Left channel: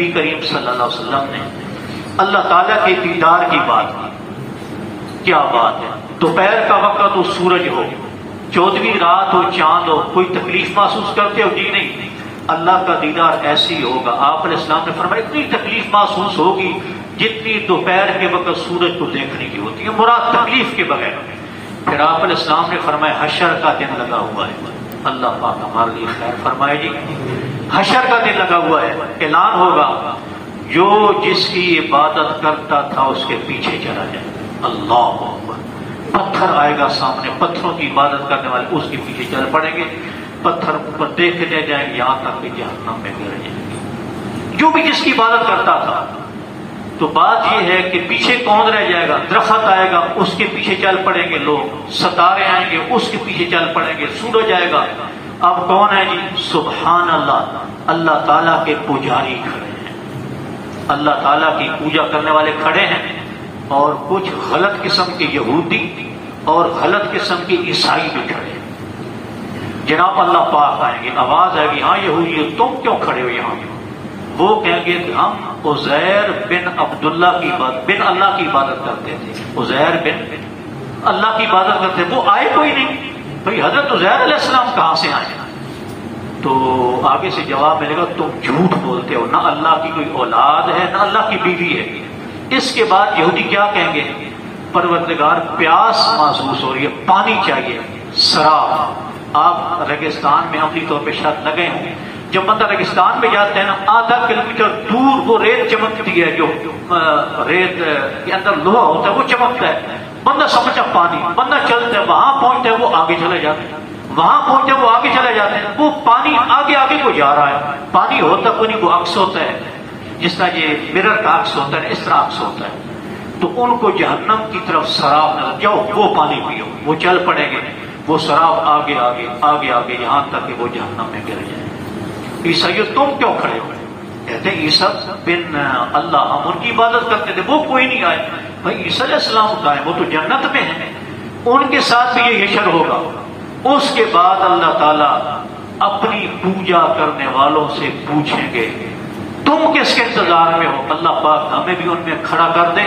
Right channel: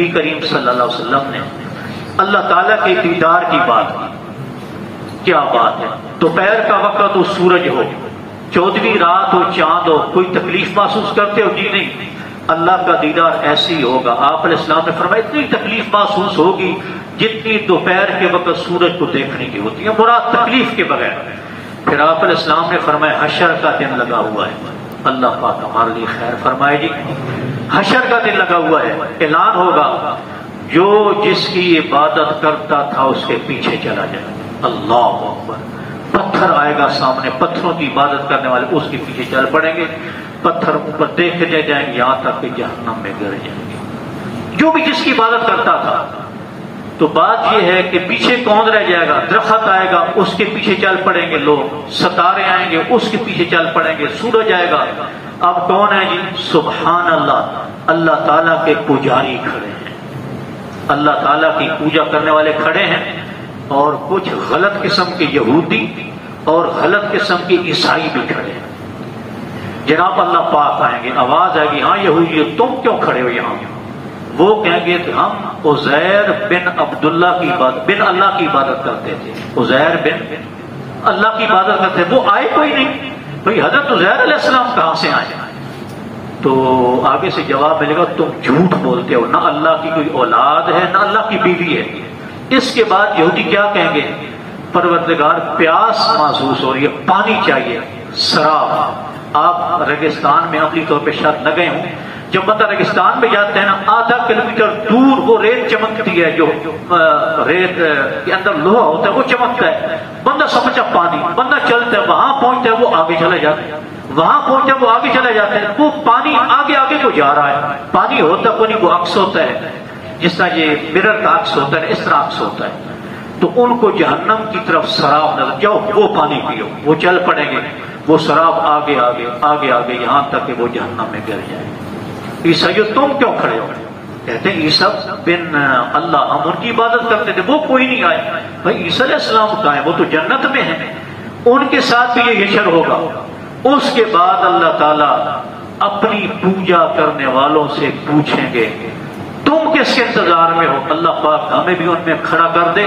نبی کریم صلی اللہ علیہ وسلم نے اللہ تعالیٰ کے دیدار کی بات کی. کیا بات ہے؟ دوپہر کا وقت ہو، سورج ہو، 14ویں رات ہو، چاند ہو، کوئی تکلیف محسوس کرتے ہو؟ جی نہیں. اللہ کا دیدار ایسے ہی ہوگا. آپ علیہ السلام نے فرمایا اتنی تکلیف محسوس ہوگی جتنی دوپہر کے وقت سورج کو دیکھنے کی ہوتی ہے، مراد تکلیف کے بغیر. پھر آپ علیہ السلام نے فرمایا حشر کا دن لگا ہوا ہے. اللہ پاک ہمارے لیے خیر فرمائے گی. حشر کا دن لگا ہوا ہے، اعلان ہوگا جو جس کی عبادت کرتا تھا اس کے پیچھے چلا جائے. اللہ اکبر. پتھر آئے گا سامنے، پتھروں کی عبادت کرنے والے اس کے پیچھے چل پڑیں گے. پتھر اوپر دیکھتے جائیں گے یہاں تک کہ جہنم میں گر جائیں گے جو بھی جس کی عبادت کرتا تھا. تو بات یہ ہے کہ پیچھے کون رہ جائے گا؟ درخت آئے گا اس کے پیچھے چل پڑیں گے لوگ، ستارے آئیں گے اس کے پیچھے چل پڑیں گے، سورج آئے گا. اب کون ہے جی؟ سبحان اللہ. اللہ تعالیٰ کے پجاری کھڑے ہیں، اللہ تعالیٰ کی پوجا کرنے والے کھڑے ہیں، اور کچھ غلط قسم کے یہودی اور غلط قسم کے عیسائی بھی کھڑے ہیں. جناب اللہ پاک آئیں گے، آواز آئے گی ہاں یہودی تم کیوں کھڑے ہو یہاں؟ وہ کہیں گے کہ ہم عزیر بن عبداللہ کی عبادت، بن اللہ کی عبادت کرتے تھے. عزیر بن اللہ کی عبادت کرتے تھے. وہ آئے کوئی نہیں. بھئی حضرت عزیر علیہ السلام کہاں سے آئے؟ تو آگے سے جواب ملے گا تم جھوٹ بولتے ہو، نہ اللہ کی کوئی اولاد ہے نہ اللہ کی بیوی ہے. اس کے بعد یہودی کیا کہیں گے؟ پروردگار پیاس محسوس ہو رہی ہے، پانی چاہیے، سراب. آپ ریگستان میں عملی طور پہ شاید نہ گئے ہوں. جب بندہ ریگستان میں جاتے ہیں نا، آدھا کلومیٹر دور وہ ریت چمکتی ہے، جو ریت کے اندر لوہا ہوتا ہے وہ چمکتا ہے. بندہ سمجھا پانی، بندہ چلتا ہے، وہاں پہنچتا ہے وہ آگے چلا جاتا ہے، وہاں پہنچتا ہے وہ آگے چلا جاتا ہے. وہ پانی آگے آگے کو جا رہا ہے. پانی ہوتا کوئی نہیں، وہ عکس ہوتا ہے، جس طرح یہ مرر کا عکس ہوتا ہے اس طرح عکس ہوتا ہے. تو ان کو جہنم کی طرف سراب نہ جاؤ، وہ پانی پیو. وہ چل پڑیں گے، وہ سراب آگے آگے آگے آگے یہاں تک کہ وہ جہنم میں گر جائے. عیسائیوں تم کیوں کھڑے ہو؟ کہتے ہیں عیسیٰ بن اللہ، ہم ان کی عبادت کرتے تھے، وہ کوئی نہیں آئے. بھائی عیسیٰ علیہ السلام کا ہے، وہ تو جنت میں ہیں، ان کے ساتھ بھی یہ حشر ہوگا. اس کے بعد اللہ تعالیٰ اپنی پوجا کرنے والوں سے پوچھیں گے تم کس کے انتظار میں ہو؟ اللہ پاک ہمیں بھی ان میں کھڑا کر دے.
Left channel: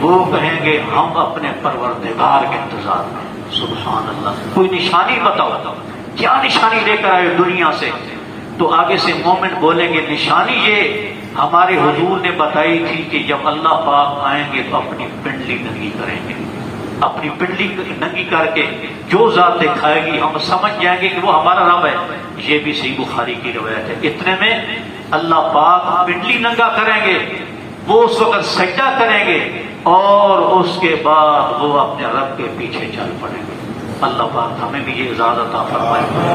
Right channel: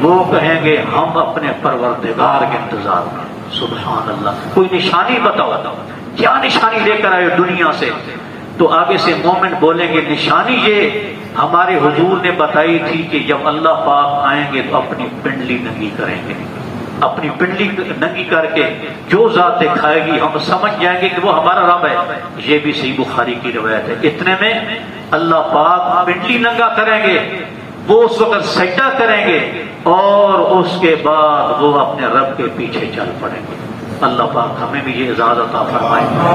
وہ کہیں گے ہم اپنے پروردگار کے انتظار میں. سبحان اللہ. کوئی نشانی بتاؤ، کیا نشانی لے کر آئے دنیا سے؟ تو آگے سے مومن بولیں گے نشانی یہ ہمارے حضور نے بتائی تھی کہ جب اللہ پاک آئیں گے تو اپنی پنڈلی ننگی کریں گے. اپنی پنڈلی ننگی کر کے جو ذات دکھائے گی ہم سمجھ جائیں گے کہ وہ ہمارا رب ہے. یہ بھی صحیح بخاری کی روایت ہے. اتنے میں اللہ پاک پنڈلی ننگا کریں گے، وہ اس وقت سجدہ کریں گے، اور اس کے بعد وہ اپنے رب کے پیچھے چل پڑیں گے. اللہ پاک ہمیں بھی یہ اجازت عطا فرمائے.